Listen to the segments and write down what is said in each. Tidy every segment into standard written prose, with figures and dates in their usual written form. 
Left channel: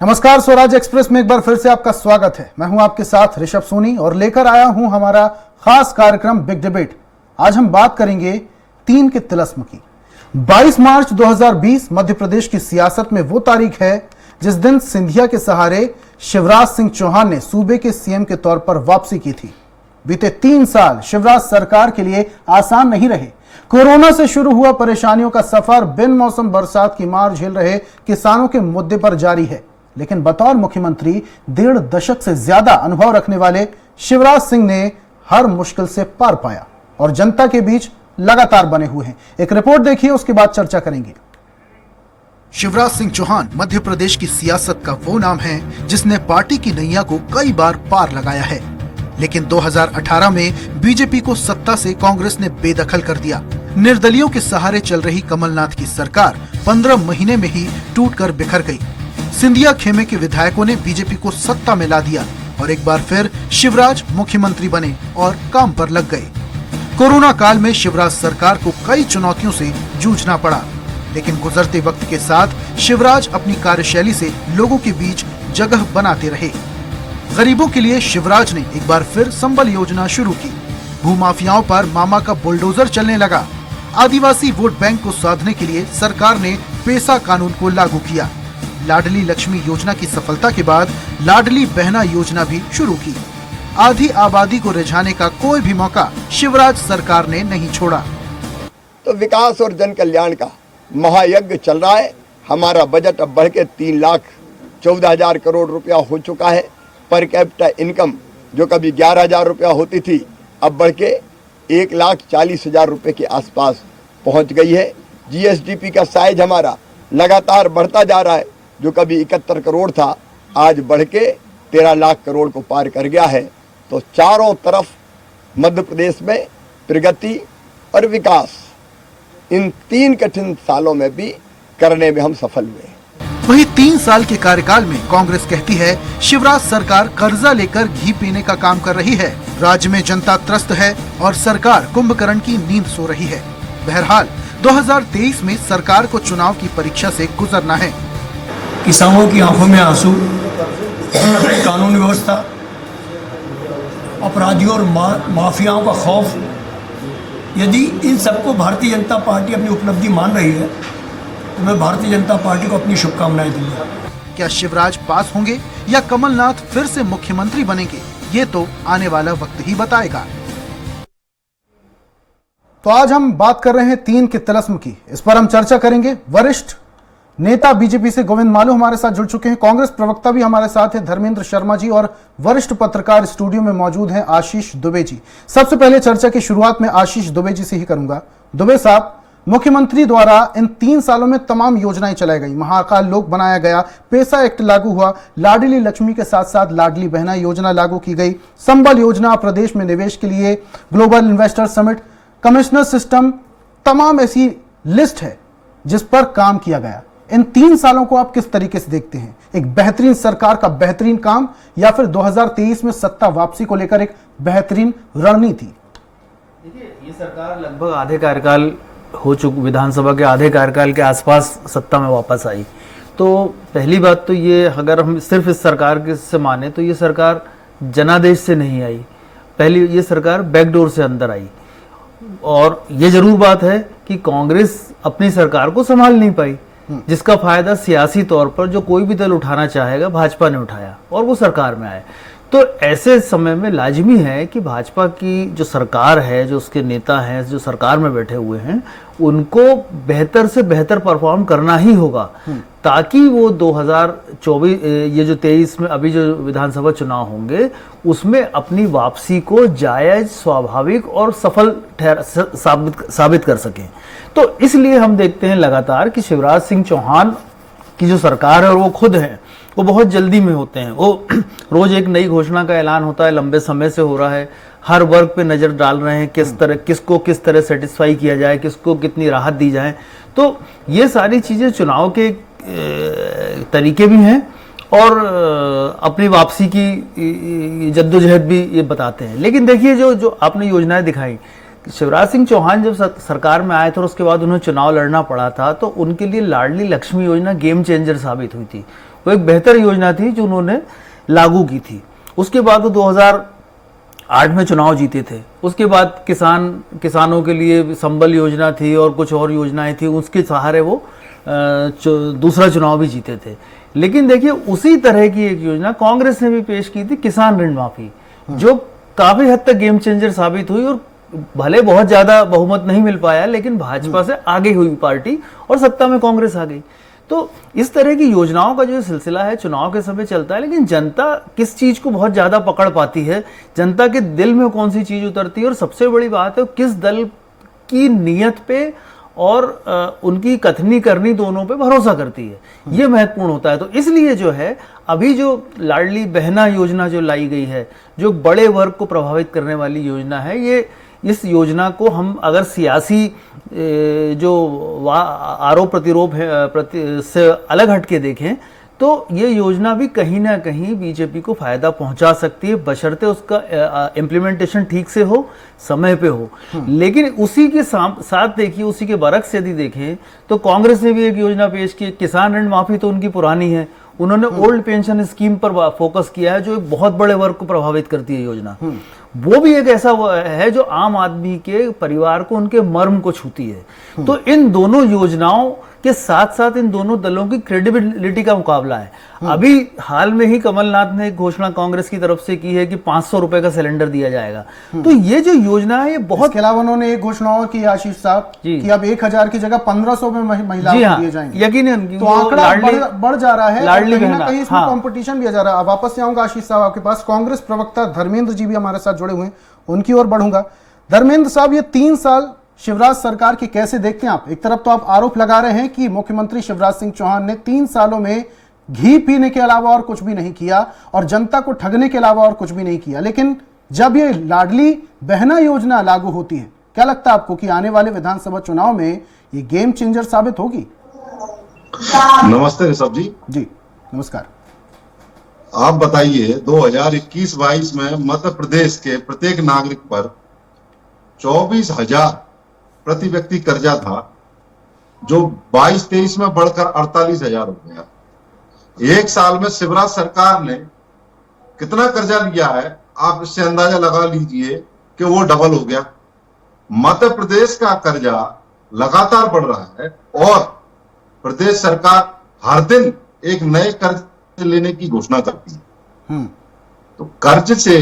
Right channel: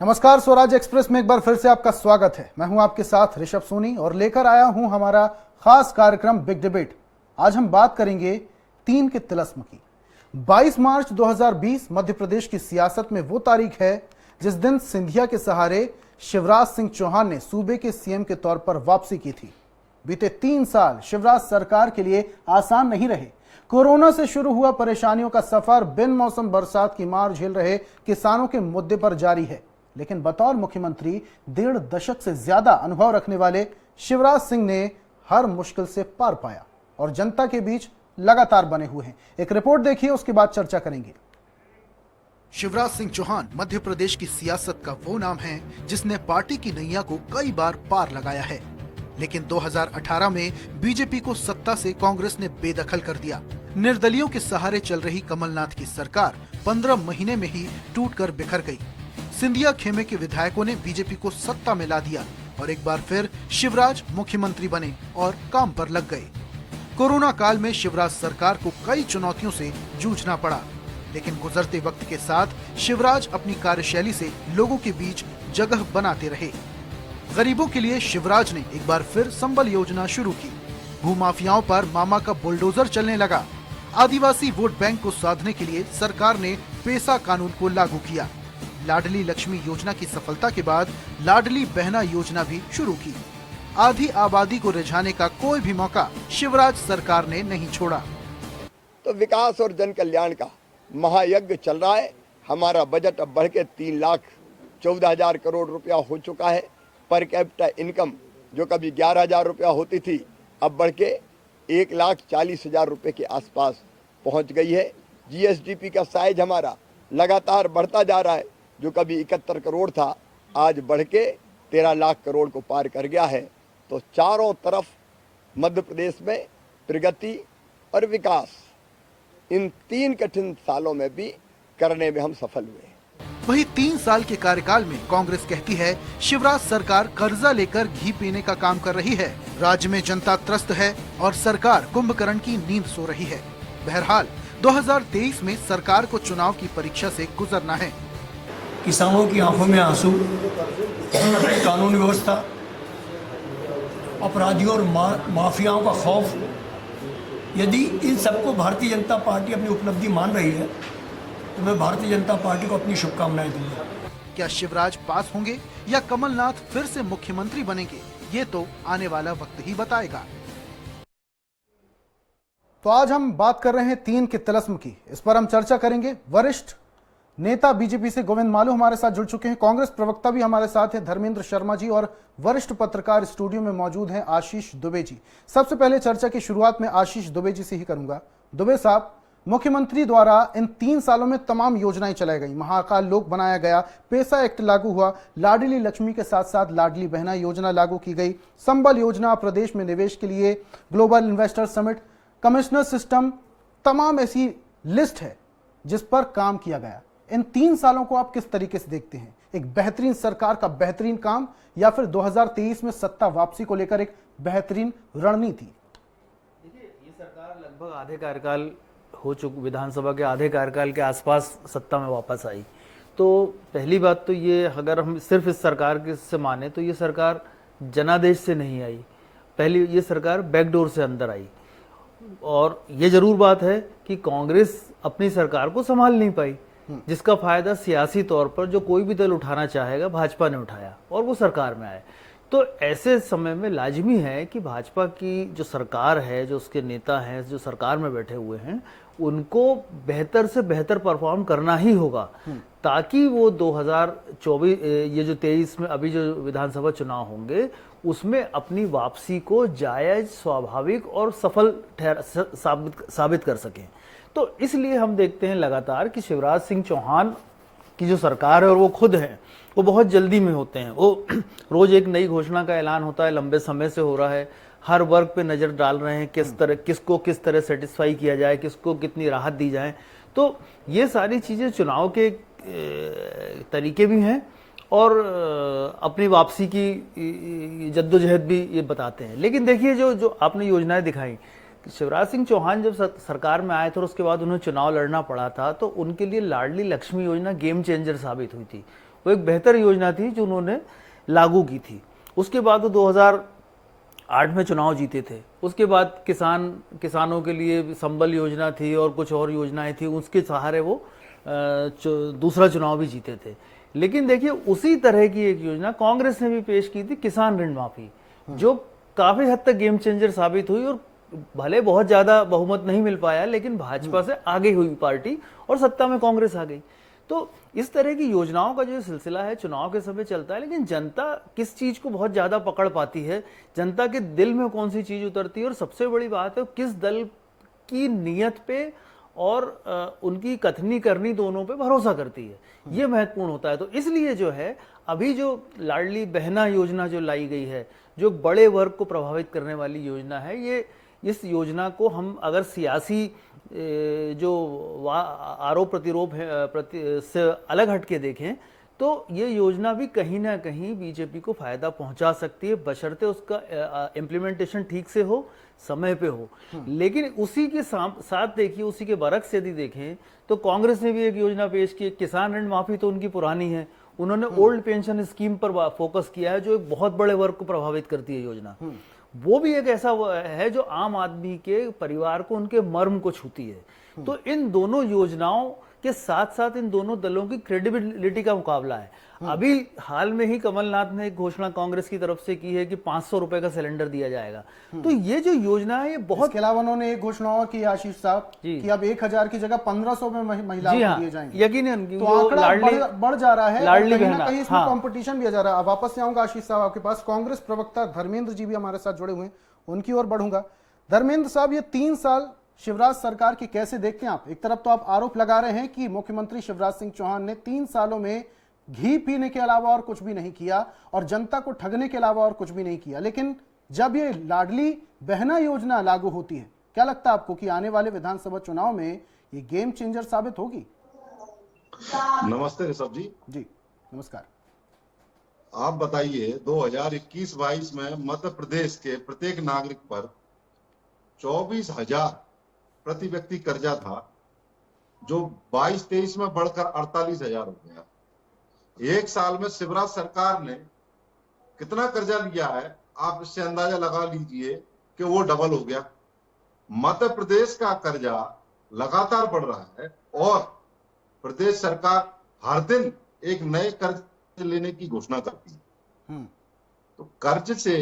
नमस्कार, स्वराज एक्सप्रेस में एक बार फिर से आपका स्वागत है। मैं हूं आपके साथ ऋषभ सोनी और लेकर आया हूं हमारा खास कार्यक्रम बिग डिबेट। आज हम बात करेंगे 3 के तिलिस्म की। 22 मार्च 2020 मध्य प्रदेश की सियासत में वो तारीख है जिस दिन सिंधिया के सहारे शिवराज सिंह चौहान ने सूबे के सीएम के तौर पर वापसी की थी। बीते 3 साल शिवराज सरकार के लिए आसान नहीं रहे। कोरोना से शुरू हुआ परेशानियों का सफर बिन मौसम बरसात की मार झेल रहे किसानों के मुद्दे पर जारी है, लेकिन बतौर मुख्यमंत्री 1.5 दशक से ज्यादा अनुभव रखने वाले शिवराज सिंह ने हर मुश्किल से पार पाया और जनता के बीच लगातार बने हुए हैं। एक रिपोर्ट देखिए, उसके बाद चर्चा करेंगे। शिवराज सिंह चौहान मध्य प्रदेश की सियासत का वो नाम है जिसने पार्टी की नैया को कई बार पार लगाया है, लेकिन 2018 में बीजेपी को सत्ता से कांग्रेस ने बेदखल कर दिया। निर्दलियों के सहारे चल रही कमलनाथ की सरकार 15 महीने में ही टूटकर बिखर गई। सिंधिया खेमे के विधायकों ने बीजेपी को सत्ता में ला दिया और एक बार फिर शिवराज मुख्यमंत्री बने और काम पर लग गए। कोरोना काल में शिवराज सरकार को कई चुनौतियों से जूझना पड़ा, लेकिन गुजरते वक्त के साथ शिवराज अपनी कार्यशैली से लोगों के बीच जगह बनाते रहे। गरीबों के लिए शिवराज ने एक बार फिर संबल योजना शुरू की। भूमाफियाओं पर मामा का बुलडोजर चलने लगा। आदिवासी वोट बैंक को साधने के लिए सरकार ने पेसा कानून को लागू किया। लाडली लक्ष्मी योजना की सफलता के बाद लाडली बहना योजना भी शुरू की। आधी आबादी को रिझाने का कोई भी मौका शिवराज सरकार ने नहीं छोड़ा। तो विकास और जन कल्याण का महायज्ञ चल रहा है। हमारा बजट अब बढ़ के 3,14,000 करोड़ रुपया हो चुका है। पर कैपिटा इनकम जो कभी 11,000 रुपया होती थी, अब बढ़ के 1,40,000 रुपये के आसपास पहुंच गई है। जीएसडीपी का साइज हमारा लगातार बढ़ता जा रहा है। जो कभी 71 करोड़ था, आज बढ़ के 13 लाख करोड़ को पार कर गया है। तो चारों तरफ मध्य प्रदेश में प्रगति और विकास इन 3 कठिन सालों में भी करने में हम सफल हुए। वही 3 साल के कार्यकाल में कांग्रेस कहती है शिवराज सरकार कर्जा लेकर घी पीने का काम कर रही है। राज्य में जनता त्रस्त है और सरकार कुंभकर्ण की नींद सो रही है। बहरहाल 2023 में सरकार को चुनाव की परीक्षा से गुजरना है। किसानों की आंखों में आंसू, कानून व्यवस्था, अपराधियों और माफियाओं का खौफ, यदि इन सबको भारतीय जनता पार्टी अपनी उपलब्धि मान रही है तो मैं भारतीय जनता पार्टी को अपनी शुभकामनाएं दूंगा। क्या शिवराज पास होंगे या कमलनाथ फिर से मुख्यमंत्री बनेंगे, ये तो आने वाला वक्त ही बताएगा। तो आज हम बात कर रहे हैं 3 के तिलिस्म की। इस पर हम चर्चा करेंगे। वरिष्ठ नेता बीजेपी से गोविंद मालू हमारे साथ जुड़ चुके हैं। कांग्रेस प्रवक्ता भी हमारे साथ है धर्मेंद्र शर्मा जी, और वरिष्ठ पत्रकार स्टूडियो में मौजूद हैं आशीष दुबे जी। सबसे पहले चर्चा की शुरुआत में आशीष दुबे जी से ही करूंगा। दुबे साहब, मुख्यमंत्री द्वारा इन 3 सालों में तमाम योजनाएं चलाई गई। महाकाल लोक बनाया गया, पेसा एक्ट लागू हुआ, लाडली लक्ष्मी के साथ साथ लाडली बहना योजना लागू की गई, संबल योजना, प्रदेश में निवेश के लिए global investor summit, commissioner system, तमाम ऐसी लिस्ट है जिस पर काम किया गया। इन 3 सालों को आप किस तरीके से देखते हैं? एक बेहतरीन सरकार का बेहतरीन काम, या फिर 2023 में सत्ता वापसी को लेकर एक बेहतरीन रणनीति? देखिए, ये सरकार लगभग आधे कार्यकाल हो चुकी, विधानसभा के आधे कार्यकाल के आसपास सत्ता में वापस आई। तो पहली बात तो ये, अगर हम सिर्फ इस सरकार के से माने तो ये सरकार जनादेश से नहीं आई। पहली ये सरकार बैकडोर से अंदर आई। और ये जरूर बात है कि कांग्रेस अपनी सरकार को संभाल नहीं पाई, जिसका फायदा सियासी तौर पर जो कोई भी दल उठाना चाहेगा भाजपा ने उठाया और वो सरकार में आए। तो ऐसे समय में लाजमी है कि भाजपा की जो सरकार है, जो उसके नेता हैं, जो सरकार में बैठे हुए हैं, उनको बेहतर से बेहतर परफॉर्म करना ही होगा, ताकि वो 2024 ये जो 23 में अभी जो विधानसभा चुनाव होंगे उसमें अपनी वापसी को जायज, स्वाभाविक और सफल साबित कर सकें। तो इसलिए हम देखते हैं लगातार कि शिवराज सिंह चौहान की जो सरकार है और वो खुद हैं, वो बहुत जल्दी में होते हैं। वो रोज एक नई घोषणा का ऐलान होता है, लंबे समय से हो रहा है, हर वर्ग पे नजर डाल रहे हैं, किसको किस तरह सेटिस्फाई किया जाए, किसको कितनी राहत दी जाए। तो ये सारी चीजें चुनाव के तरीके भी हैं और अपनी वापसी की जद्दोजहद भी ये बताते हैं। लेकिन देखिए, जो आपने योजनाएं दिखाई, शिवराज सिंह चौहान जब सरकार में आए थे और उसके बाद उन्हें चुनाव लड़ना पड़ा था, तो उनके लिए लाडली लक्ष्मी योजना गेम चेंजर साबित हुई थी। वो एक बेहतर योजना थी जो उन्होंने लागू की थी। उसके बाद वो 2008 में चुनाव जीते थे। उसके बाद किसानों के लिए संबल योजना थी और कुछ और योजनाएं थी, उसके सहारे वो दूसरा चुनाव भी जीते थे। लेकिन देखिए, उसी तरह की एक योजना कांग्रेस ने भी पेश की थी, किसान ऋण माफी, जो काफी हद तक गेम चेंजर साबित हुई और भले बहुत ज्यादा बहुमत नहीं मिल पाया, लेकिन भाजपा से आगे हुई पार्टी और सत्ता में कांग्रेस आ गई। तो इस तरह की योजनाओं का जो सिलसिला है चुनाव के समय चलता है, लेकिन जनता किस चीज को बहुत ज्यादा पकड़ पाती है, जनता के दिल में कौन सी चीज उतरती है, और सबसे बड़ी बात है किस दल की नीयत पे और उनकी कथनी करनी दोनों पे भरोसा करती है, ये महत्वपूर्ण होता है। तो इसलिए जो है अभी जो लाडली बहना योजना जो लाई गई है, जो बड़े वर्ग को प्रभावित करने वाली योजना है, ये इस योजना को हम अगर सियासी जो आरोप प्रतिरोप है से अलग हटके देखें, तो ये योजना भी कहीं ना कहीं बीजेपी को फायदा पहुंचा सकती है, बशर्ते उसका इम्प्लीमेंटेशन ठीक से हो, समय पे हो। लेकिन उसी के साथ देखिए, उसी के बरक्स यदि देखें तो कांग्रेस ने भी एक योजना पेश की, किसान ऋण माफी तो उनकी पुरानी है, उन्होंने ओल्ड पेंशन स्कीम पर फोकस किया है, जो एक बहुत बड़े वर्ग को प्रभावित करती है योजना। वो भी एक ऐसा है जो आम आदमी के परिवार को, उनके मर्म को छूती है। तो इन दोनों योजनाओं के साथ साथ इन दोनों दलों की क्रेडिबिलिटी का मुकाबला है। अभी हाल में ही कमलनाथ ने एक घोषणा कांग्रेस की तरफ से की है कि 500 रुपए का सिलेंडर दिया जाएगा। तो ये जो योजना है ये बहुत, इसके अलावा उन्होंने एक घोषणा और की आशीष साहब कि अब 1000 की जगह 1500 में महिलाओं को दिए जाएंगे। यकीनन तो आंकड़ा बढ़ जा रहा है, लाडली कहीं ना कहीं इसमें कंपटीशन भी आ जा रहा है। अब वापस से आऊंगा आशीष साहब आपके पास, कांग्रेस प्रवक्ता धर्मेंद्र जी भी हमारे साथ जुड़े हुए हैं, उनकी ओर बढ़ूंगा। धर्मेंद्र साहब, ये 3 साल शिवराज सरकार की कैसे देखते हैं आप? एक तरफ तो आप आरोप लगा रहे हैं कि मुख्यमंत्री शिवराज सिंह चौहान ने 3 सालों में घी पीने के अलावा और कुछ भी नहीं किया और जनता को ठगने के अलावा और कुछ भी नहीं किया, लेकिन जब ये लाडली बहना योजना लागू होती है, क्या लगता है आपको कि आने वाले विधानसभा चुनाव में ये गेम चेंजर साबित होगी? नमस्ते ऋषभ जी। जी नमस्कार। आप बताइए, 2021-22 में मध्य प्रदेश के प्रत्येक नागरिक पर 24,000 प्रति व्यक्ति कर्जा था, जो 22-23 में बढ़कर 48,000 हो गया। एक साल में शिवराज सरकार ने कितना कर्जा लिया है, आप इससे अंदाजा लगा लीजिए कि वो डबल हो गया। मध्य प्रदेश का कर्जा लगातार बढ़ रहा है और प्रदेश सरकार हर दिन एक नए कर्ज लेने की घोषणा करती है। तो कर्ज से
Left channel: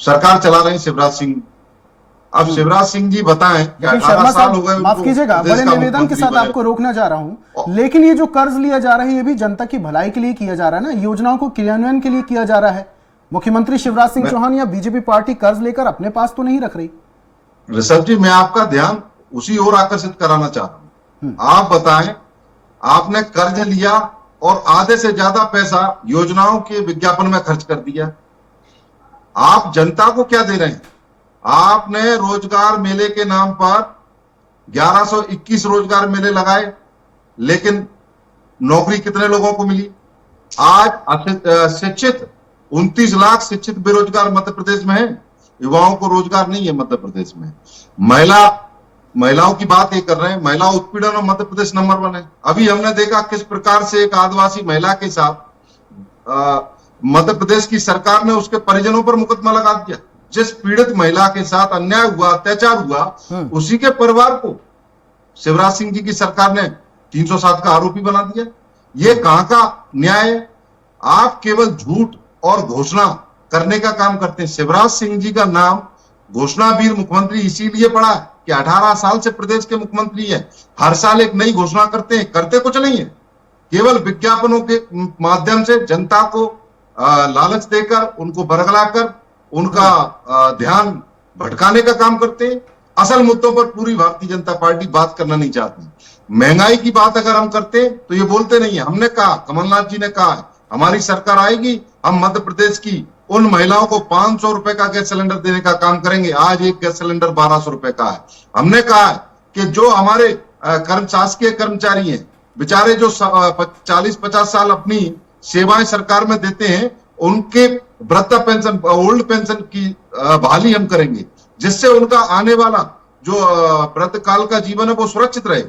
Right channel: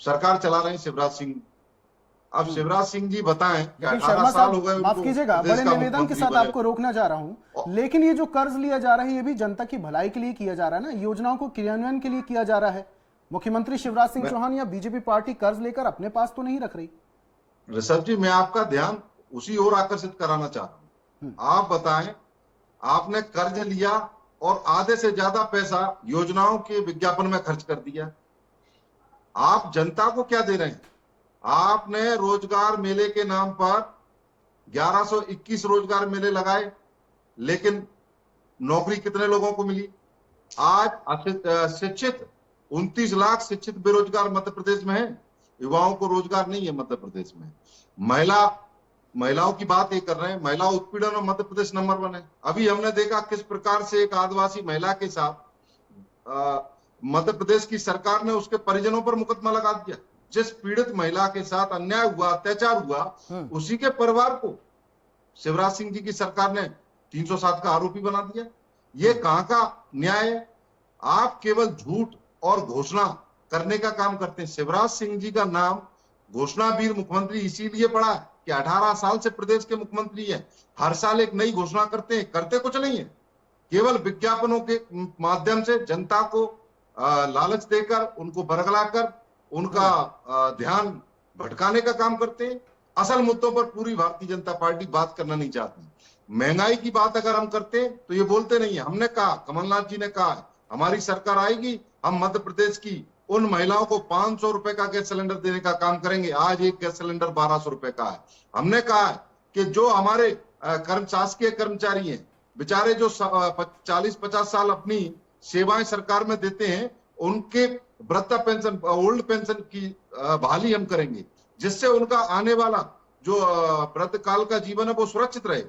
सरकार चला रहे हैं शिवराज सिंह। अब शिवराज सिंह जी बताएं कि 18 साल हो गए, माफ कीजिएगा, बड़े निवेदन के साथ आपको रोकना चाह रहा हूं, लेकिन ये जो कर्ज लिया जा रहा है ये भी जनता की भलाई के लिए किया जा रहा है ना, योजनाओं को क्रियान्वयन के लिए किया जा रहा है। मुख्यमंत्री शिवराज सिंह चौहान या बीजेपी पार्टी कर्ज लेकर अपने पास तो नहीं रख रही। ऋषभ जी, मैं आपका ध्यान उसी ओर आकर्षित कराना चाह रहा हूं। आप बताएं, आपने कर्ज लिया और आधे से ज्यादा पैसा योजनाओं के विज्ञापन में खर्च कर दिया। आप जनता को क्या दे रहे हैं? आपने रोजगार मेले के नाम पर 1121 रोजगार मेले लगाए, लेकिन नौकरी कितने लोगों को मिली? आज शिक्षित 29 लाख शिक्षित बेरोजगार मध्य प्रदेश में है। युवाओं को रोजगार नहीं है मध्य प्रदेश में। महिलाओं की बात ये कर रहे हैं, महिला उत्पीड़न में मध्य प्रदेश नंबर 1 है। अभी हमने देखा किस प्रकार से एक आदिवासी महिला के साथ मध्य प्रदेश की सरकार ने उसके परिजनों पर मुकदमा लगा दिया। जिस पीड़ित महिला के साथ अन्याय हुआ, अत्याचार हुआ, उसी के परिवार को शिवराज सिंह जी की सरकार ने 307 का आरोपी बना दिया। ये कहां का न्याय है? आप केवल झूठ और घोषणा करने का काम करते हैं। शिवराज सिंह जी का नाम घोषणावीर मुख्यमंत्री इसीलिए पड़ा कि 18 साल से प्रदेश के मुख्यमंत्री है। हर साल एक नई घोषणा करते हैं, करते कुछ नहीं है, केवल विज्ञापनों के माध्यम से जनता को लालच देकर, उनको बरगलाकर उनका ध्यान भटकाने का काम करते हैं। असल मुद्दों पर पूरी भारतीय जनता पार्टी बात करना नहीं चाहती। महंगाई की बात अगर हम करते हैं तो ये बोलते नहीं है। हमने कहा, कमलनाथ जी ने कहा है, हमारी सरकार आएगी, हम मध्य प्रदेश की उन महिलाओं को 500 रुपए का गैस सिलेंडर देने का काम करेंगे। आज एक गैस सिलेंडर 1200 रुपए का है। हमने कहा है कि जो हमारे शासकीय कर्मचारी हैं, बेचारे जो 40-50 साल अपनी सेवाएं सरकार में देते हैं, उनके वृद्धा पेंशन, ओल्ड पेंशन की बहाली हम करेंगे। जिससे उनका आने वाला जो व्रतकाल का जीवन है वो सुरक्षित रहे।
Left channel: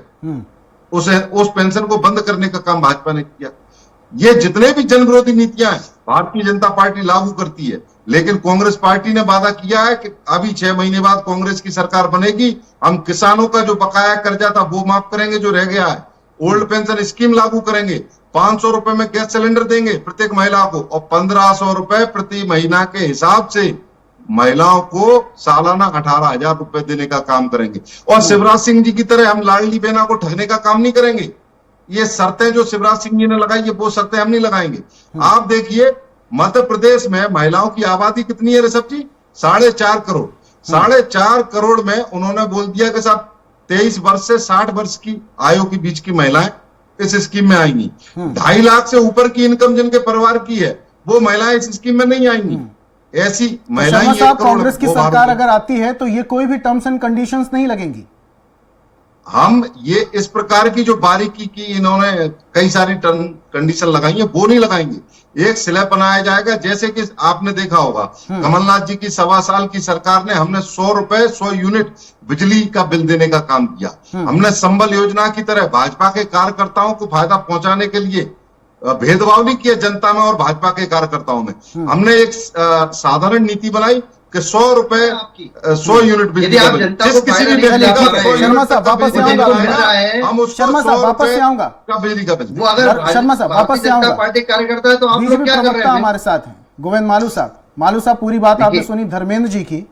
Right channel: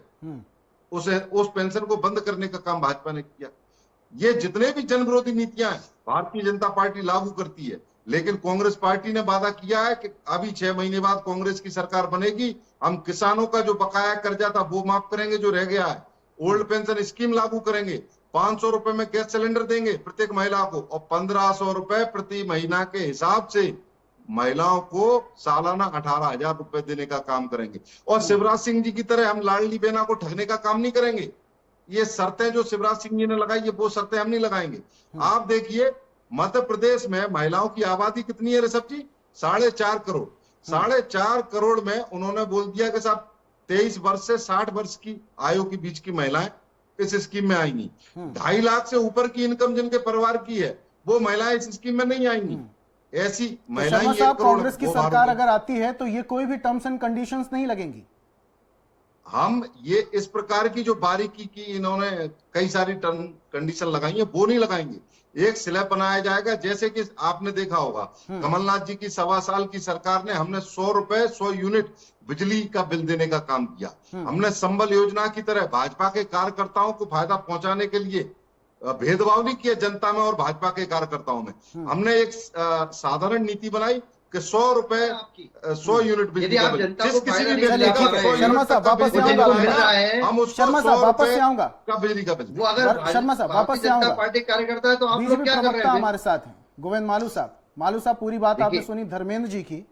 उस पेंशन को बंद करने का काम भाजपा ने किया। ये जितने भी जन विरोधी नीतियां हैं भारतीय जनता पार्टी लागू करती है, लेकिन कांग्रेस पार्टी ने वादा किया है कि अभी 6 महीने बाद कांग्रेस की सरकार बनेगी, हम किसानों का जो बकाया कर्जा था वो माफ करेंगे जो रह गया है, ओल्ड पेंशन स्कीम लागू करेंगे, 500 रुपए में गैस सिलेंडर देंगे प्रत्येक महिला को, और 1500 रुपए प्रति महीना के हिसाब से महिलाओं को सालाना 18,000 रुपए देने का काम करेंगे। और शिवराज सिंह जी की तरह हम लाडली बहना को ठगने का काम नहीं करेंगे। ये शर्तें जो शिवराज सिंह जी ने लगाई है वो शर्तें हम नहीं लगाएंगे। आप देखिए मध्य प्रदेश में महिलाओं की आबादी कितनी है ऋषभ जी? 4.5 करोड़। 4.5 करोड़ में उन्होंने बोल दिया कि साहब 23 वर्ष से 60 वर्ष की आयु के बीच की महिलाएं इस स्कीम में आएंगी। 2.5 लाख से ऊपर की इनकम जिनके परिवार की है वो महिलाएं इस स्कीम में नहीं आएंगी। ऐसी महिलाएं शर्मा साहब, कांग्रेस की सरकार अगर आती है तो ये कोई भी टर्म्स एंड कंडीशंस नहीं लगेंगी। हम ये इस प्रकार की जो बारीकी की इन्होंने कई सारी टर्म कंडीशन लगाई है वो नहीं लगाएंगे। एक स्लैब बनाया जाएगा, जैसे कि आपने देखा होगा कमलनाथ जी की 1.25 साल की सरकार ने हमने 100 रुपए 100 यूनिट बिजली का बिल देने का काम किया। हमने संबल योजना की तरह भाजपा के कार्यकर्ताओं को फायदा पहुंचाने के लिए भेदभाव नहीं किया जनता में और भाजपा के कार्यकर्ताओं में। हमने एक साधारण नीति बनाई कि 100 रुपए 100 यूनिट बिजली का बिल, जिस किसी भी व्यक्ति का शर्मा साहब वापस से आऊंगा, हम उसको शर्मा साहब वापस से आऊंगा का बिजली का बिल। वो अगर शर्मा साहब वापस से आऊंगा, पार्टी कार्यकर्ता है तो आप लोग बीजेपी क्या कर रहे प्रवक्ता हैं? हमारे साथ हैं गोविंद मालू साहब पूरी बात आपने सुनी धर्मेंद्र जी की।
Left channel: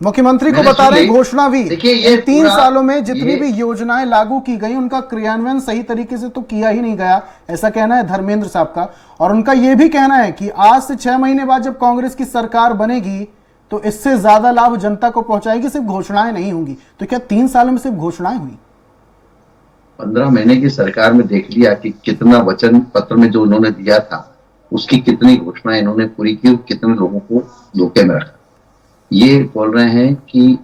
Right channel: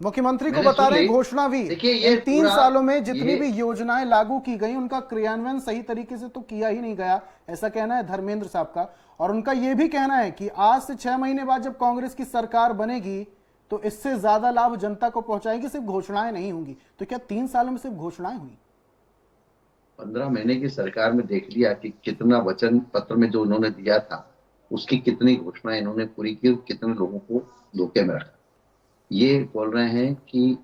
मुख्यमंत्री को मैंने बता रहे सुनी। घोषणा भी देखिए, ये 3 पूरा- सालों में जितनी ये- भी योजनाएं लागू की गई उनका क्रियान्वयन सही तरीके से तो किया ही नहीं गया, ऐसा कहना है धर्मेंद्र साहब का। और उनका यह भी कहना है कि आज से 6 महीने बाद जब कांग्रेस की सरकार बनेगी तो इससे ज्यादा लाभ जनता को पहुंचाएगी, सिर्फ घोषणाएं नहीं होंगी। तो क्या 3 सालों में सिर्फ घोषणाएं हुई? 15 महीने की सरकार में देख लिया कि कितना वचन पत्र में जो उन्होंने दिया था उसकी कितनी घोषणाएं इन्होंने पूरी की, कितने लोगों को धोखे में रखा। ये बोल रहे हैं कि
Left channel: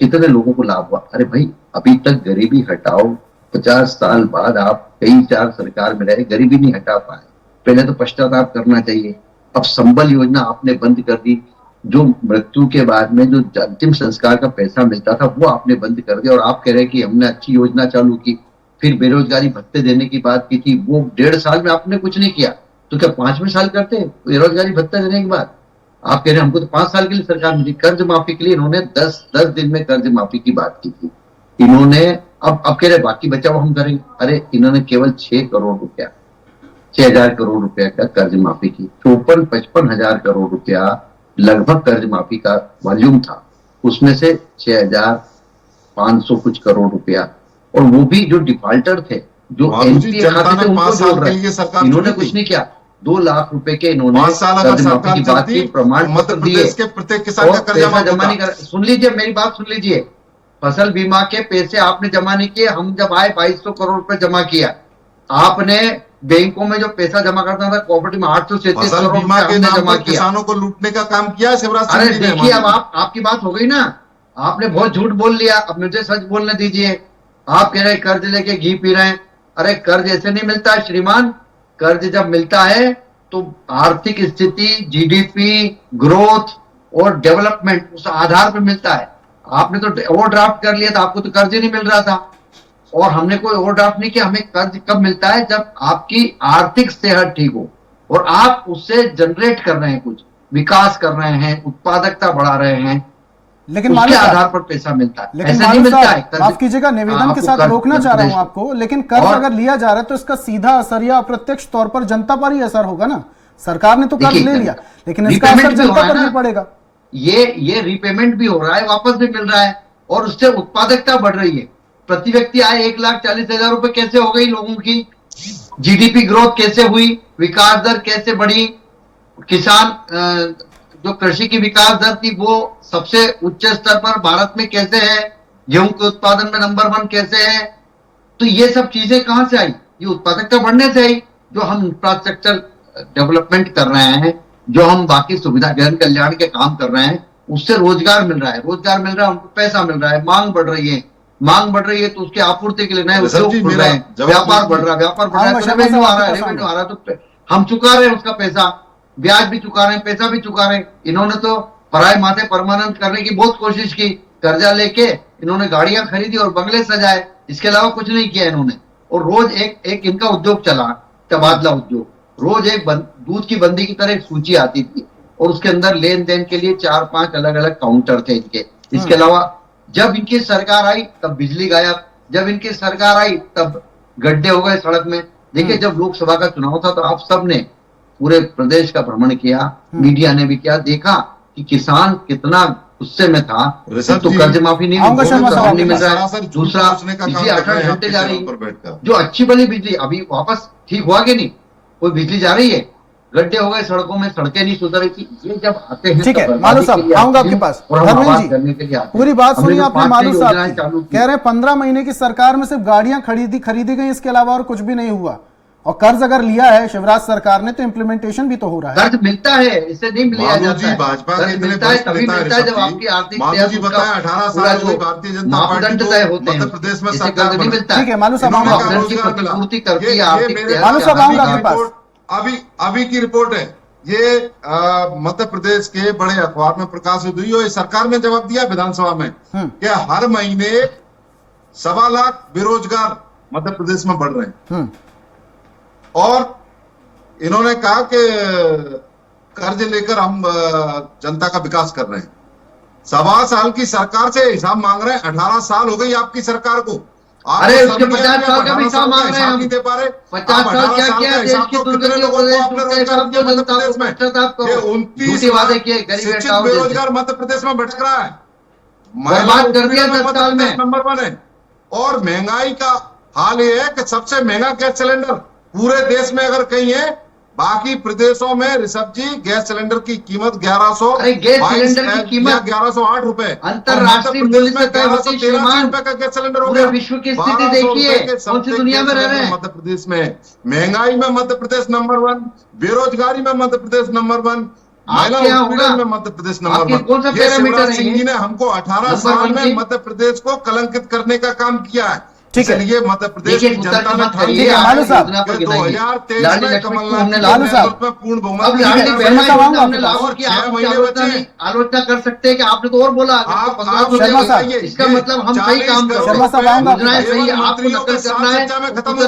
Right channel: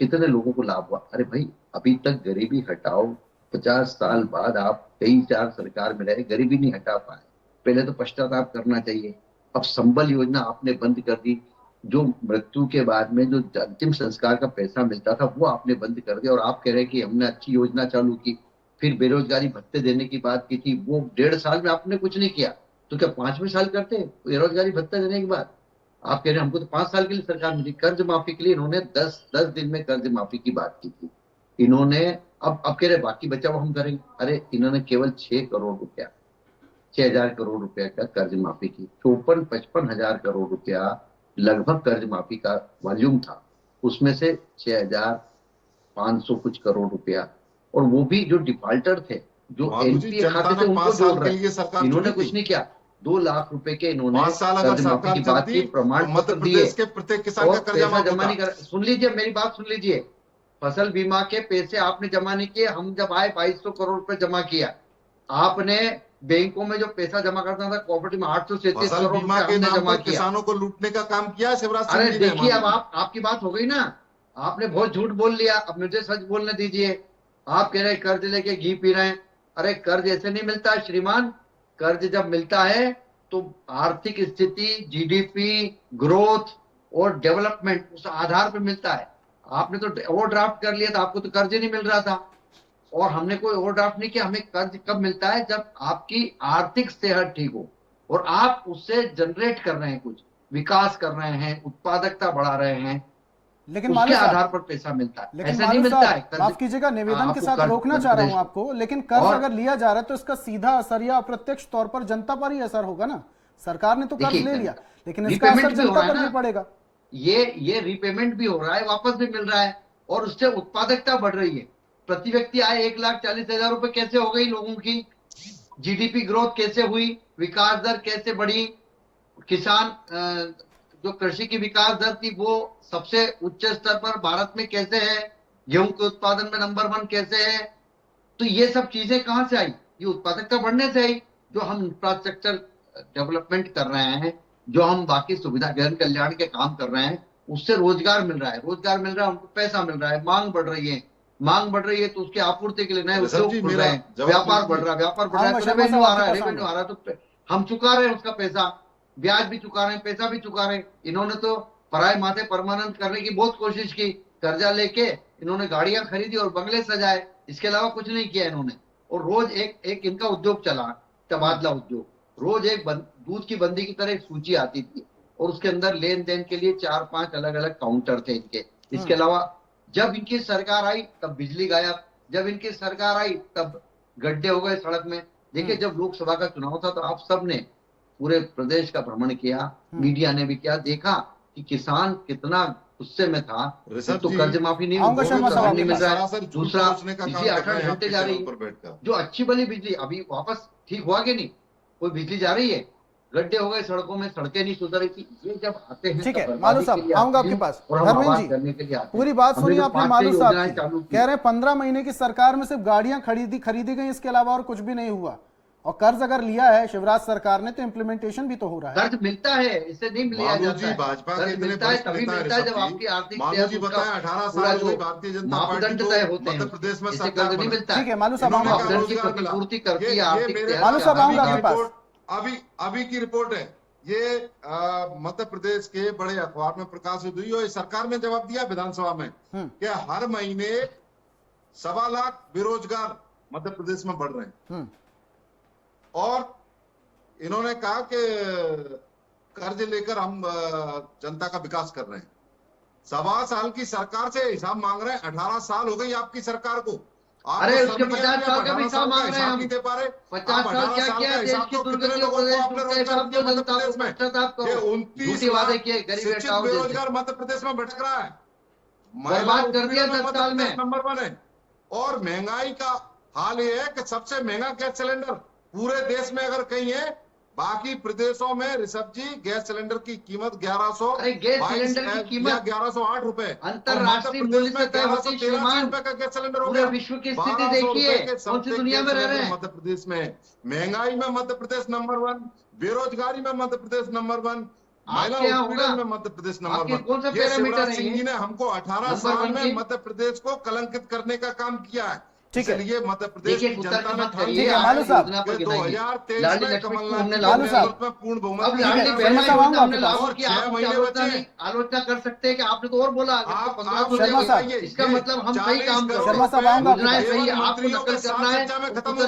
कितने लोगों को लाभ हुआ। अरे भाई, अभी तक गरीबी हटाओ, 50 साल बाद आप कई 4 सरकार में रहे, गरीबी नहीं हटा पाए। पहले तो पश्चाताप करना चाहिए। अब संबल योजना आपने बंद कर दी, जो मृत्यु के बाद में जो अंतिम संस्कार का पैसा मिलता था वो आपने बंद कर दिया। और आप कह रहे हैं कि हमने अच्छी योजना चालू की। फिर बेरोजगारी भत्ते देने की बात की थी, वो 1.5 साल में आपने कुछ नहीं किया, तो क्या 5वें साल करते बेरोजगारी भत्ता देने के बाद? आप कह रहे हैं हमको तो 5 साल के लिए सरकार मिली। कर्ज माफी के लिए इन्होंने 10 दिन में कर्ज माफी की बात की थी इन्होंने। अब कह रहे बाकी बचा वो हम करेंगे। अरे इन्होंने केवल 6 करोड़ रुपया 6,000 करोड़ रुपया का कर्ज माफी की। 54-55 हजार करोड़ रुपया लगभग कर्ज माफी का वॉल्यूम था, उसमें से 6,500 कुछ करोड़ रुपया, और वो भी जो डिफॉल्टर थे, जो एनपीए खाते थे उनको जोड़ रहे हैं। इन्होंने कुछ नहीं किया। 2 लाख रुपए के इन्होंने 5 साल अगर कर्ज माफी की बात की, प्रमाण मध्य पत्र दिए प्रदेश के प्रत्येक किसान का और कर्जा पैसा माफ जमा नहीं होता। कर। सुन लीजिए मेरी बात, सुन लीजिए। फसल बीमा के पैसे आपने जमा नहीं किए। हम जब आए 2200 करोड़ रुपए जमा किया। आपने बैंकों में जो पैसा जमा करता था कोऑपरेटिव में 837 फसल करोड़ बीमा रुपए के हमने नाम जमा पर किया। किसानों को लूटने का काम किया शिवराज सिंह अरे जी ने। देखिए, अब आपकी बात हो गई ना, आपने बहुत झूठ बोल लिया, अब मुझे सच बोलने दीजिए। आप कह रहे हैं कर्ज लेके घी पी रहे हैं। अरे कर्ज ऐसे नहीं मिलता है श्रीमान। कर्ज जब मिलता है तो आर्थिक स्थिति, जीडीपी, ग्रोथ और डेवलपमेंट उस आधार पर मिलता है। आपने तो ओवरड्राफ्ट कर लिया था, आपको तो कर्ज ही नहीं मिल रहा था। और हमने कोई ओवरड्राफ्ट नहीं किया। हमें कर्ज कब मिलता है? जब आपकी आर्थिक सेहत ठीक हो और आप उससे जनरेट कर रहे हैं, कुछ विकास कर रहे हैं, उत्पादकता बढ़ा रहे हैं, लेकिन उसके मालू आधार साहब, पर पैसा मिलता है। लेकिन ऐसा नहीं मालू मिलता है साहब कर्ज। माफ कीजिएगा, निवेदन के आपको साथ कर्ज रोकना चाह रहा हूं प्रदेश- आपको, लेकिन कर्ज और- अगर लिया जा रहा है तो इसका सीधा असर या अप्रत्यक्ष तौर पर जनता पर ही असर होगा ना। सरकार ने तो कर्ज देखिए, ले लिया, लेकिन इसका असर रीपेमेंट भी हो जनता रहा है पर ना। भी पड़ेगा। ये रीपेमेंट भी हो रहा है, वापस भी मिल रहा है, और उससे उत्पादकता बढ़ रही है। प्रति व्यक्ति आय 1,40,000 रुपए कैसे हो गई लोगों की? जीडीपी ग्रोथ कैसे हुई? विकास दर कैसे बढ़ी? किसान जो कृषि की विकास दर थी वो सबसे उच्च स्तर पर भारत में कैसे है? गेहूं के उत्पादन में नंबर 1 कैसे है? तो ये सब चीजें कहां से आई? ये उत्पादकता बढ़ने से आई। जो हम इंफ्रास्ट्रक्चर डेवलपमेंट कर रहे हैं, जो हम बाकी सुविधा जन कल्याण के काम कर रहे हैं, उससे रोजगार मिल रहा है। रोजगार मिल रहा है, उनको पैसा मिल रहा है, मांग बढ़ रही है। मांग बढ़ रही है तो उसकी आपूर्ति के लिए नए ऋषभ जी, उद्योग खुल मेरा रहे हैं, जवाब व्यापार बढ़ दीजिए। रहा है, व्यापार बढ़ रहा है हाँ, तो शर्मा रेवेन्यू साहब आ रहा है, आपके पास रेवेन्यू आ रहा है तो हम चुका रहे हैं उसका पैसा, ब्याज भी चुका रहे हैं, पैसा भी चुका रहे हैं। इन्होंने तो पराए माथे परमानेंट करने की बहुत कोशिश की, कर्जा लेके इन्होंने गाड़ियां खरीदी और बंगले सजाए, इसके अलावा कुछ नहीं किया इन्होंने। और रोज एक इनका उद्योग चला, तबादला उद्योग, रोज एक दूध की बंदी की तरह एक सूची आती थी और उसके अंदर लेन देन के लिए 4-5 अलग अलग काउंटर थे इनके। इसके अलावा जब इनकी सरकार आई तब बिजली गायब, जब इनकी सरकार आई तब गड्ढे हो गए सड़क में। देखिए जब लोकसभा का चुनाव था तो आप सब ने पूरे प्रदेश का भ्रमण किया, मीडिया ने भी किया, देखा कि किसान कितना गुस्से में था। तो कर्ज माफी नहीं आऊंगा शर्मा साहब, मिल रहा है, दूसरा बिजली 8 घंटे जा रही है, जो अच्छी भली बिजली अभी वापस ठीक हुआ कि नहीं, कोई बिजली जा रही है, गड्ढे हो गए सड़कों में, सड़कें नहीं सुधर रही थी। ये जब आते हैं ठीक है मालू साहब, आऊंगा आपके पास। धर्मेंद्र जी पूरी बात सुनिए आपने मालू साहब की, कह रहे हैं 15 महीने की सरकार में सिर्फ गाड़ियां खरीदी गई, इसके अलावा और कुछ भी नहीं हुआ। और कर्ज अगर लिया है शिवराज सरकार ने तो इम्प्लीमेंटेशन भी तो हो रहा है। कर्ज मिलता है, इससे नहीं लिया जाता है। भाजपा के मिलता है तभी मिलता है जब आपकी आर्थिक जी बताया 18 साल हो गई भारतीय जनता पार्टी को मध्य प्रदेश में सरकार नहीं मिलता है। ठीक है मालू साहब, पूर्ति करती है मालू साहब आऊंगा आपके पास। अभी की रिपोर्ट है ये, मध्य प्रदेश के बड़े अखबार में प्रकाशित हुई और सरकार ने जवाब दिया विधानसभा में कि हर महीने 1.25 लाख बेरोजगार मध्य प्रदेश में बढ़ रहे हैं। और इन्होंने कहा कि कर्ज लेकर हम जनता का विकास कर रहे हैं। 1.25 साल की सरकार से हिसाब मांग रहे हैं। 18 साल हो गई आपकी सरकार को। अरे उसके 50 साल का भी हिसाब मांग रहे हैं हम। 50 साल क्या किया देश की दुर्गति को वादे किए, गरीब बेरोजगार मध्य प्रदेश में भटक रहा है, बर्बाद कर दिया 10 साल में। नंबर 1 है। और महंगाई का हाल ये है कि सबसे महंगा गैस सिलेंडर पूरे देश में अगर कहीं है, बाकी प्रदेशों में ऋषभ जी गैस सिलेंडर की कीमत 1100, गैस सिलेंडर की कीमत 1108 रुपए अंतरराष्ट्रीय मूल्य से तय होती है। रुपए का गैस सिलेंडर हो पूरे गया। विश्व की स्थिति देखिए, कौन सी दुनिया में रह रहे हैं। मध्य प्रदेश में महंगाई में मध्य प्रदेश नंबर 1, बेरोजगारी में मध्य प्रदेश नंबर 1, महिला उत्पीड़न में मध्य प्रदेश नंबर 1। ये शिवराज सिंह जी ने हमको 18 साल में मध्य प्रदेश को कलंकित करने का काम किया है। ठीक है, ये मध्य प्रदेश की जनता ने मालू साहब 2023 में कमलनाथ में पूर्ण बहुमत आलोचना कर सकते हैं कि आपने तो और बोला इसका मतलब हम सही काम कर रहे हैं, सही आपको नकल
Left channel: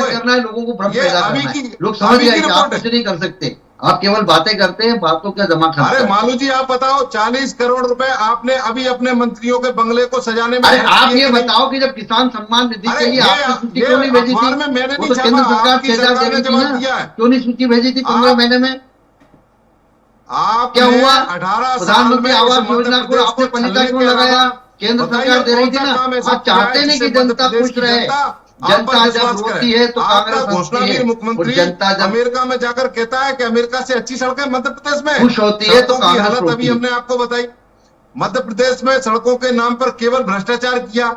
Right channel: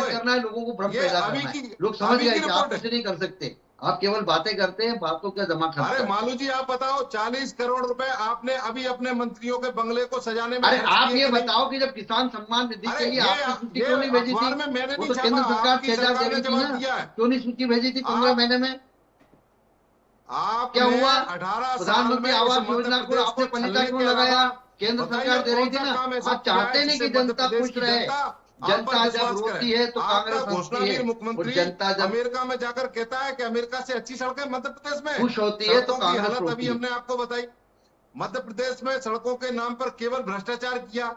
करना है, लोगों को भ्रम पैदा करना है। लोग समझ गए कि आप कुछ नहीं कर सकते, आप केवल बातें करते हैं, बातों का जमा खाता है। अरे मालू जी आप बताओ, 40 करोड़ रुपए आपने अभी अपने मंत्रियों के बंगले को सजाने में। अरे आप ये बताओ कि जब किसान सम्मान निधि के लिए आपने सूची क्यों नहीं भेजी थी? वो तो केंद्र सरकार 6,000 दे रही थी ना, क्यों नहीं सूची भेजी थी 15 महीने में? क्या हुआ? 18 प्रधानमंत्री आवास योजना को आपने पनिता क्यों लगाया? केंद्र सरकार दे रही थी ना। आप चाहते नहीं कि जनता खुश रहे। जनता जब रोती है तो कांग्रेस घोषणा भी मुख्यमंत्री जनता जब अमेरिका में जाकर कहता है कि अमेरिका से अच्छी सड़कें मध्य प्रदेश में खुश होती है तो कांग्रेस हालत अभी हमने आपको बताई। मध्य प्रदेश में सड़कों के नाम पर केवल भ्रष्टाचार किया।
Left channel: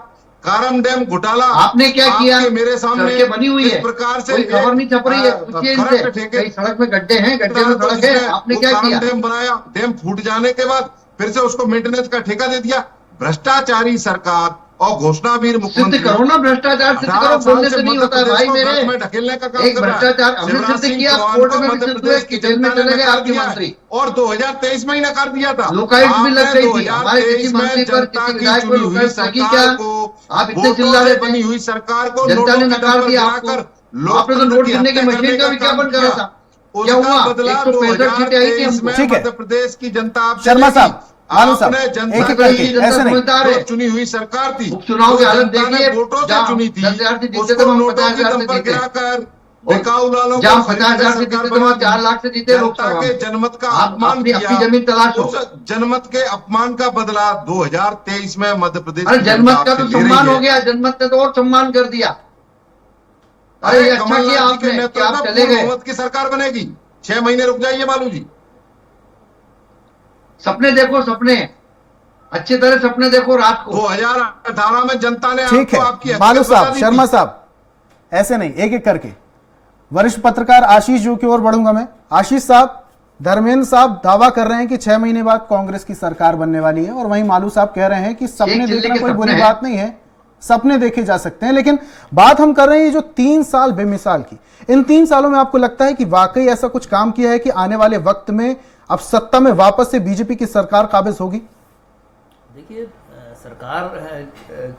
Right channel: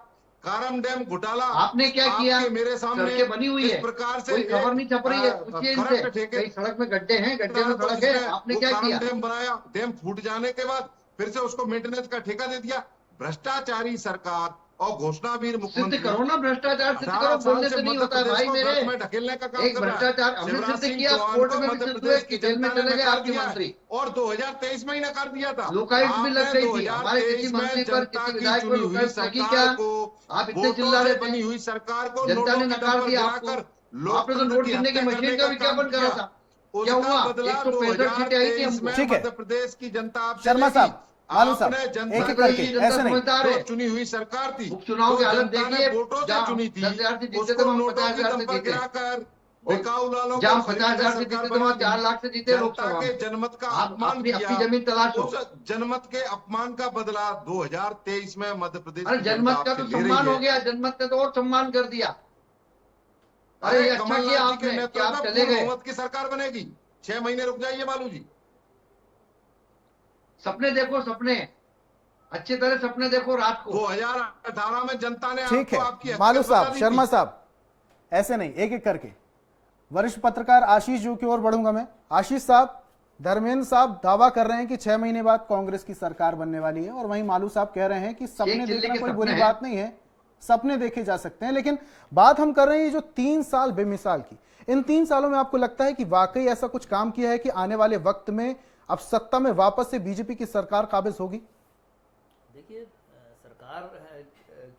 कारम डैम घोटाला आपने क्या किया? मेरे सामने बनी हुई है, प्रकार से कोई खबर नहीं छप रही है, पूछिए इनसे। सड़क में गड्ढे हैं, गड्ढे में सड़क है, आपने क्या किया? डैम बनाया, डैम फूट जाने के बाद फिर से उसको मेंटेनेंस का ठेका दे दिया। भ्रष्टाचारी सरकार और घोषणावीर मुख्यमंत्री। सिद्ध करो ना भ्रष्टाचार, सिद्ध करो, बोलने से नहीं होता है भाई मेरे। ढकेलने का काम एक भ्रष्टाचार हमने सिद्ध किया, कोर्ट में भी सिद्ध हुए कि जेल में चले गए आपके मंत्री। और 2023 में ही नकार दिया था। लोकायुक्त भी लग गई थी हमारे किसी मंत्री पर, किसी विधायक पर लोकायुक्त लगी क्या? आप इतने चिल्ला रहे बनी हुई सरकार को जनता ने नकार दिया आपको। आपने तो नोट गिनने की मशीन का विज्ञापन करा था, क्या हुआ? 165 सीटें आई थी हमको। ठीक है, मध्य प्रदेश की जनता शर्मा साहब, आलू साहब, एक एक करके ऐसे नहीं, चुनी हुई सरकार थी, उपचुनाव की हालत देखिए, वोटों से चुनी थी, 10,000 से जीते उसको थे, हम नोटों 50,000 के से दम पर जीते। गिराकर बिकाऊ लालों जहाँ को 50,000 से जीते थे, वहाँ 4 लाख से जीते लोकसभा जनता के में। जनमत का आप अपमान अपनी किया। जमीन तलाशो। उस जनमत के अपमान का बदला 2023 में मध्य प्रदेश अरे की जनमत जनता का तो आपसे ले रही सम्मान है। हो गया, जनमत ने तो और सम्मान कर दिया। अरे ये अच्छा किया कमलनाथ जी के आपने कि नेतृत्व आप में चले पूर्ण गए। बहुमत की सरकार बनेगी। 6 महीने रुक जाइए बालू जी। सपने देखो, सपने अच्छी तरह सपने देखो रात को। 2018 में जनता ने ठीक आपको आपकी है हकीकत मालू बता साहब, दी शर्मा थी। साहब, ऐसे नहीं, एक एक करके। वरिष्ठ पत्रकार आशीष जी की ओर बढ़ूंगा मैं। आशीष साहब, धर्मेंद्र साहब दावा कर रहे हैं कि 6 महीने बाद कांग्रेस की सरकार बनने वाली है, और वहीं मालू साहब कह रहे हैं कि सपने देखना कोई बुरी बात नहीं है, सपने देखे जा सकते हैं। लेकिन बात हम कर रहे हैं जो 3 साल बेमिसाल की, इन 3 सालों में आपको लगता है कि वाकई ऐसा कुछ काम किया है कि आने वाले वक्त में अब सत्ता में वापस से बीजेपी की सरकार काबिज होगी? देखिए, सरकार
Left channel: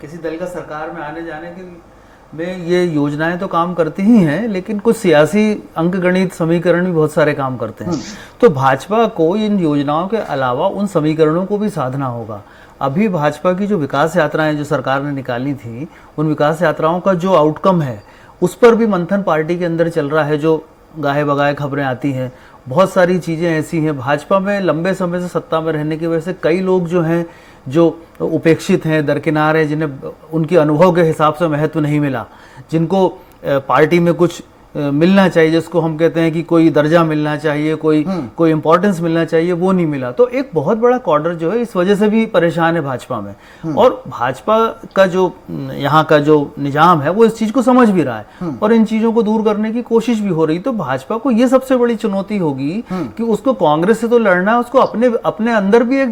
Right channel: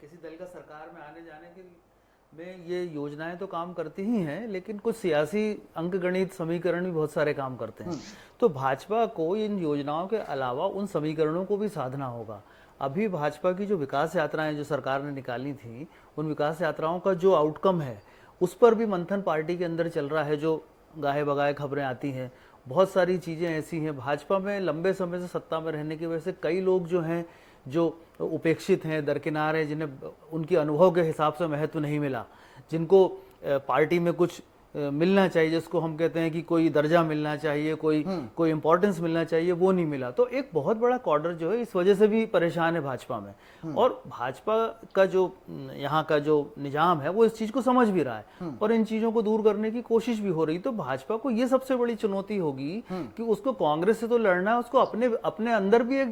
किसी दल का सरकार में आने जाने के में ये योजनाएं तो काम करती ही हैं, लेकिन कुछ सियासी अंकगणित समीकरण भी बहुत सारे काम करते हैं। तो भाजपा को इन योजनाओं के अलावा उन समीकरणों को भी साधना होगा। अभी भाजपा की जो विकास यात्राएं जो सरकार ने निकाली थी, उन विकास यात्राओं का जो आउटकम है उस पर भी मंथन पार्टी के अंदर चल रहा है। जो गाहे बगाए खबरें आती हैं, बहुत सारी चीजें ऐसी हैं। भाजपा में लंबे समय से सत्ता में रहने की वजह से कई लोग जो हैं जो उपेक्षित हैं, दरकिनार हैं, जिन्हें उनके अनुभव के हिसाब से महत्व नहीं मिला, जिनको पार्टी में कुछ मिलना चाहिए, जिसको हम कहते हैं कि कोई दर्जा मिलना चाहिए, कोई इंपॉर्टेंस मिलना चाहिए, वो नहीं मिला। तो एक बहुत बड़ा कॉर्डर जो है इस वजह से भी परेशान है भाजपा में। और भाजपा का जो यहाँ का जो निजाम है वो इस चीज को समझ भी रहा है और इन चीजों को दूर करने की कोशिश भी हो रही। तो भाजपा को ये सबसे बड़ी चुनौती होगी कि उसको कांग्रेस से तो लड़ना है, उसको अपने अंदर भी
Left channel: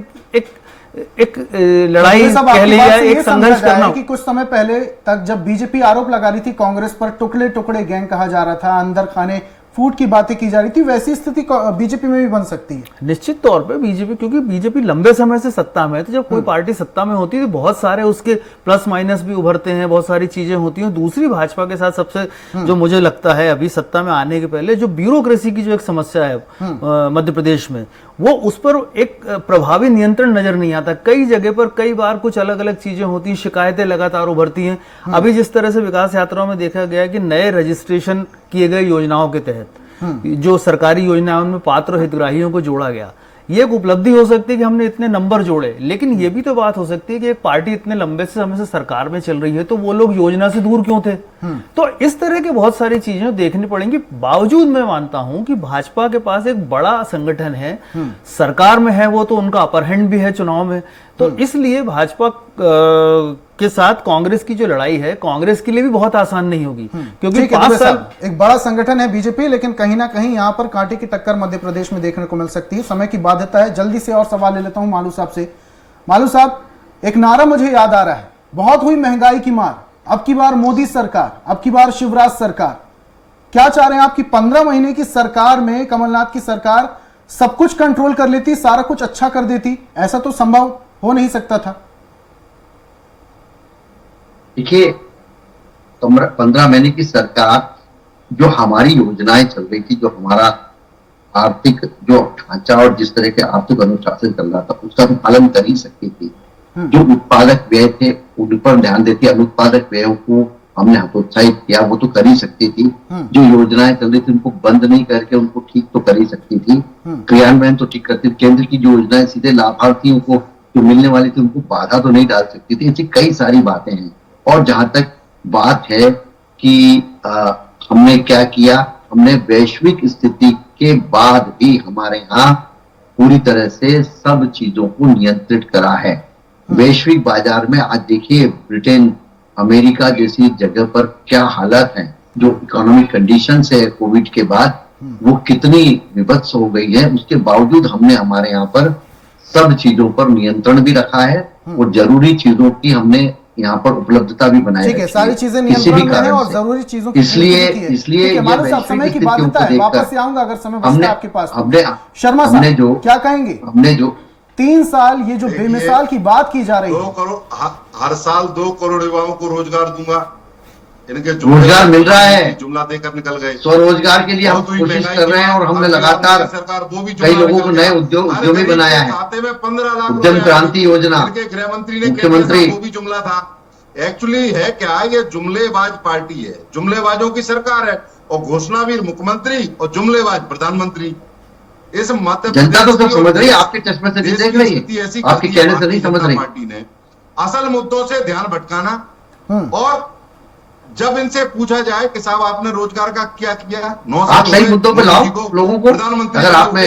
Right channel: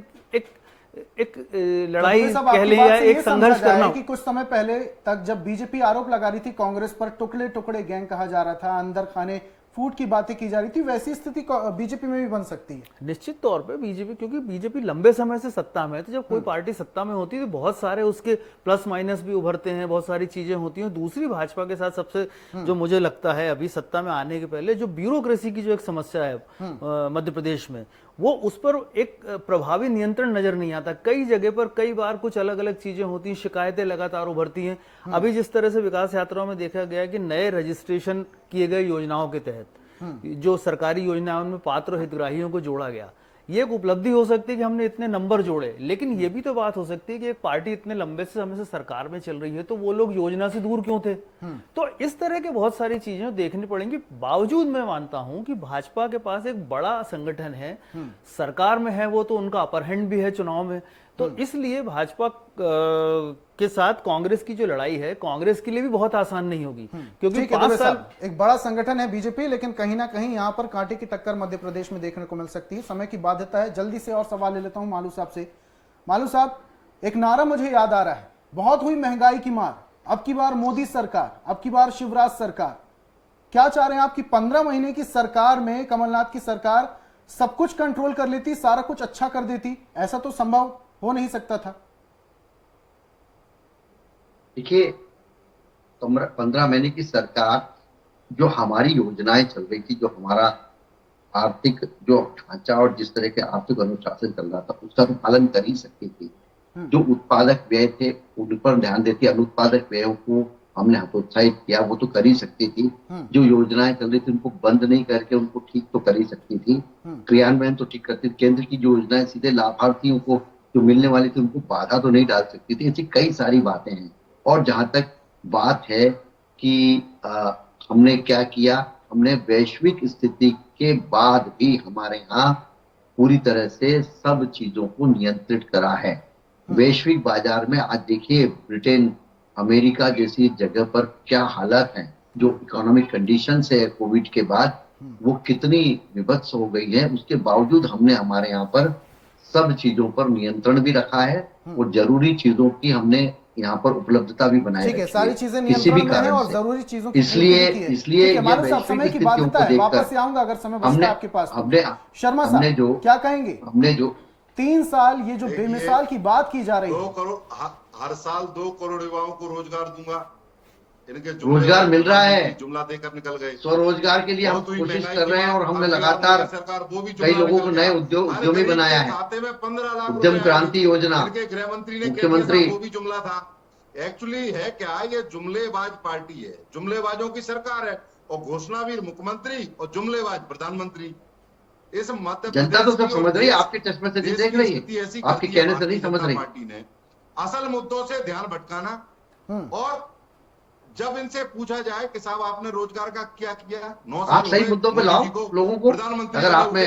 एक लड़ाई कह ली या एक संघर्ष करना। कि कुछ समय पहले तक जब बीजेपी आरोप लगा रही थी कांग्रेस पर, टुकड़े टुकड़े गैंग कहा जा रहा था, अंदर खाने फूट की बातें की जा रही थी, वैसी स्थिति बीजेपी में भी बन सकती है। निश्चित तौर पे बीजेपी, क्योंकि बीजेपी लंबे समय से सत्ता में है, तो जब कोई पार्टी सत्ता में होती है तो बहुत सारे उसके प्लस माइनस भी उभरते हैं, बहुत सारी चीजें होती हैं। दूसरी, भाजपा के साथ सबसे जो मुझे लगता है अभी सत्ता में आने के पहले जो ब्यूरोक्रेसी की जो एक समस्या है मध्य प्रदेश में, वो उस पर एक प्रभावी नियंत्रण नजर नहीं आता। कई जगह पर कई बार कुछ अलग अलग चीजें होती हैं, शिकायतें लगातार उभरती हैं। अभी जिस तरह से विकास यात्राओं में देखा गया कि नए रजिस्ट्रेशन किए गए योजनाओं के तहत जो सरकारी योजनाओं में पात्र हितग्राहियों को जोड़ा गया, ये एक उपलब्धि हो सकती है कि हमने इतने नंबर जोड़े। लेकिन ये भी तो बात हो सकती है कि एक पार्टी इतने लंबे समय से सरकार में चल रही है तो वो लोग योजना से दूर क्यों थे? तो इस तरह के बहुत सारी चीजें देखनी पड़ेंगी। बावजूद मैं मानता हूं कि भाजपा के पास एक बड़ा संगठन है, सरकार में है वो, तो उनका अपर हैंड भी है चुनाव में। तो इसलिए भाजपा के साथ कांग्रेस की जो लड़ाई है, कांग्रेस के लिए भी बहुत आसान नहीं होगी, क्योंकि 5 साल एक बड़ा संगठन है बीजेपी, लेकिन कहीं ना कहीं यहां पर कांटे की टक्कर मध्य प्रदेश में देखने को मिल सकती है। समय की बाध्यता है, जल्दी से और सवाल ले लेता हूं मालू साहब से। मालू साहब, एक नारा मुझे याद आ रहा है, बहुत हुई महंगाई की मार, अब की बार मोदी सरकार, अब की बार शिवराज सरकार। क्या चाह रहे हैं आप कि 15 महीने की सरकार में कमलनाथ की सरकार सब कुछ कंट्रोल कर लेती, सारा कुछ अच्छा कर देती? ऐसा तो संभव हो नहीं सकता था। देखिए, 15 महीने की सरकार, जो हमारी योजनाएं चल रही थी, जो हमारा आर्थिक जो ढांचा और जिस तरह के आर्थिक अनुशासन चल रहा था, उसका पालन कर ही सकती थी। जो उत्पादक व्यय थे उन पर ध्यान देती, अनुत्पादक व्ययों को हमने हतोत्साहित किया, वो तो कर ही सकती थी। जो योजनाएं चल रही थी उनको बंद नहीं करके उनको ठीक तो कर ही सकती थी, क्रियान्वयन तो ठीक करती थी। केंद्र की जो योजनाएं सीधे लाभार्थियों को जो मिलने वाली थी उनको बाधा तो नहीं डाल सकती थी। ऐसी कई सारी बातें हैं। और जहां तक बात है कि हमने क्या किया, हमने वैश्विक स्थिति के बाद भी हमारे यहाँ पूरी तरह से सब चीजों को नियंत्रित करा है। वैश्विक बाजार में आज देखिए, ब्रिटेन, अमेरिका जैसी जगह पर क्या हालत है, जो इकोनॉमिक कंडीशंस है कोविड के बाद, वो कितनी विभत्स हो गई है। उसके बावजूद हमने हमारे यहाँ पर सब चीजों पर नियंत्रण भी रखा है और जरूरी चीजों की हमने यहाँ पर उपलब्धता भी बनाई है। सारी चीजें नियंत्रण में हैं और जरूरी चीजों की इसलिए समय की बाध्यता है। वापस से आऊंगा अगर समय बचता है आपके पास। शर्मा साहब, क्या कहेंगे? हमने जो 3 साल ये जो बेमिसाल की बात की जा रही है, 2 करोड़ हर साल 2 करोड़ युवाओं को रोजगार दूंगा, इनके रोजगार मिल रहा है, जुमला देकर निकल गए। स्वरोजगार के लिए हम कोशिश कर रहे हैं और हमने लगातार कई लोगों को नए उद्यमी बनाया है। खाते में 15 लाख उद्यम क्रांति योजना, गृह मंत्री ने मुख्यमंत्री, वो भी जुमला था। एक्चुअली है क्या, ये जुमलेबाज पार्टी है, जुमलेबाजों की सरकार है, और घोषणावीर मुख्यमंत्री और जुमलेबाज प्रधानमंत्री। इस मध्य जनता तो सब समझ रही है, आपके चश्मे से नहीं देख रही है, आपके कहने से नहीं समझ रही। पार्टी ने असल मुद्दों से ध्यान भटकाना, और जब इनसे पूछा जाए कि साहब आपने रोजगार का क्या किया, 9 साल आप सही मुद्दों पे लाओ लोगों को। प्रधानमंत्री अगर आपने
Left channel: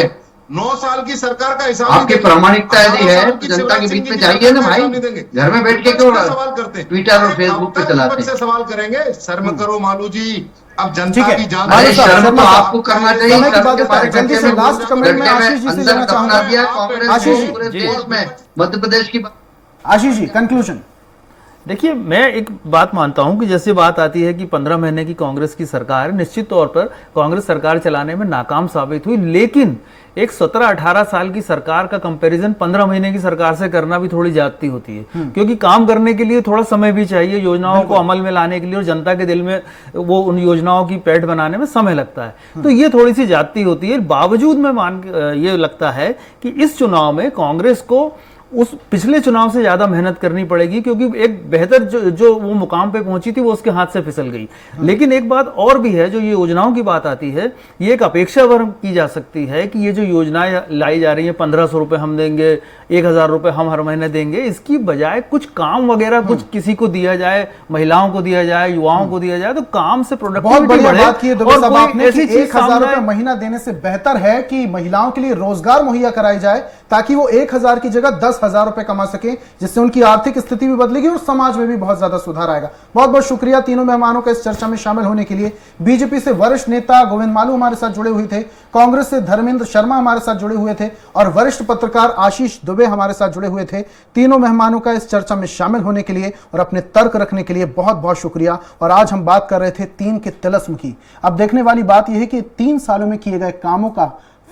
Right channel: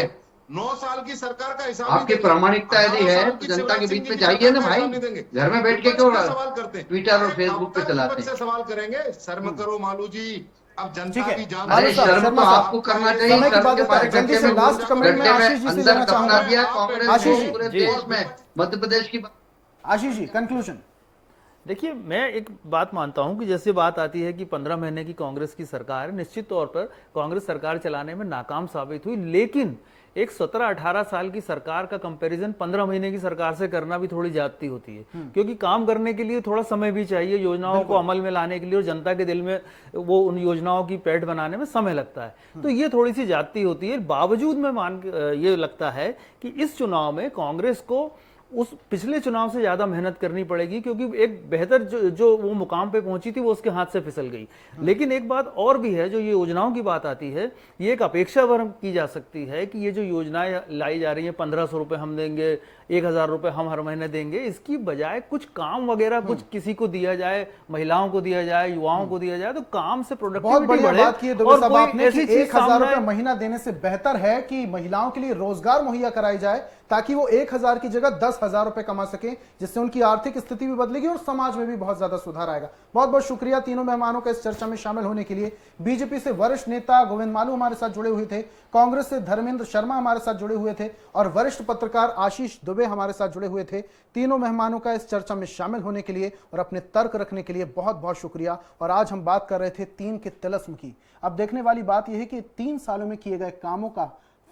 9 साल की सरकार का हिसाब आपकी प्रामाणिकता यदि है तो जनता के बीच में जाइए ना भाई, घर में बैठ के क्यों सवाल करते हैं, ट्विटर और फेसबुक पे चलाते हैं। सवाल करेंगे, शर्म करो मालू जी, अब जनता भी जान। अरे शर्म तो आपको करना चाहिए। शर्म के मारे गड्ढे में अंदर दफना दिया कांग्रेस ने पूरे देश में, मध्य प्रदेश की। आशीष जी, कंक्लूजन। देखिए, मैं एक बात मानता हूं कि जैसे बात आती है कि 15 महीने की कांग्रेस की सरकार निश्चित तौर पर कांग्रेस सरकार चलाने में नाकाम साबित हुई, लेकिन एक 17-18 साल की सरकार का कंपैरिजन 15 महीने की सरकार से करना भी थोड़ी ज्यादती होती है, क्योंकि काम करने के लिए थोड़ा समय भी चाहिए, योजनाओं को अमल में लाने के लिए और जनता के दिल में वो उन योजनाओं की पैठ बनाने में समय लगता है। तो ये थोड़ी सी ज्यादती होती है। बावजूद में ये लगता है कि इस चुनाव में कांग्रेस को उस पिछले चुनाव से ज्यादा मेहनत करनी पड़ेगी, क्योंकि एक बेहतर जो वो मुकाम पे पहुंची थी वो उसके हाथ से फिसल गई। लेकिन एक बात और भी है, जो ये योजनाओं की बात आती है, ये एक अपेक्षा वर्ग की जा सकती है कि ये जो योजनाएं लाई जा रही है, 1500 रुपए हम देंगे, 1000 रुपए हम हर महीने देंगे, इसकी बजाय कुछ काम वगैरह कुछ किसी को दिया जाए, महिलाओं को दिया जाए, युवाओं को दिया जाए, तो काम से बहुत प्रोडक्टिविटी बढ़िया बढ़े। बात की है दुबे साहब आपने कि ऐसी चीज 1000 रुपए सामने महीना देने से बेहतर है कि महिलाओं के लिए रोजगार मुहैया कराई जाए, ताकि वो 1000 की जगह 10,000 रुपए कमा सके, जिससे उनकी आर्थिक स्थिति भी बदलेगी और समाज में भी बहुत ज्यादा सुधार आएगा। बहुत बहुत शुक्रिया तीनों मेहमानों का इस चर्चा में शामिल होने के लिए। बीजेपी से वरिष्ठ नेता गोविंद मालू हमारे साथ जुड़े हुए थे, कांग्रेस से धर्मेंद्र शर्मा हमारे साथ जुड़े हुए थे और वरिष्ठ पत्रकार आशीष दुबे हमारे साथ जुड़े हुए थे। तीनों मेहमानों का इस चर्चा में शामिल होने के लिए और अपने तर्क रखने के लिए बहुत बहुत शुक्रिया। और आज हम बात कर रहे थे 3 के तिलिस्म की। अब देखने वाली बात यह है कि 3 सालों में किए गए कामों का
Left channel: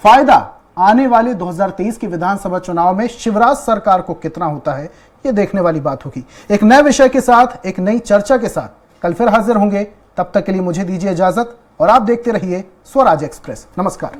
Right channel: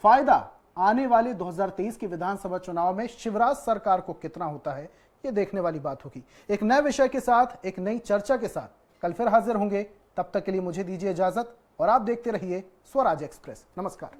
फायदा आने वाले 2023 के विधानसभा चुनाव में शिवराज सरकार को कितना होता है, यह देखने वाली बात होगी। एक नए विषय के साथ, एक नई चर्चा के साथ कल फिर हाजिर होंगे। तब तक के लिए मुझे दीजिए इजाजत और आप देखते रहिए स्वराज एक्सप्रेस। नमस्कार।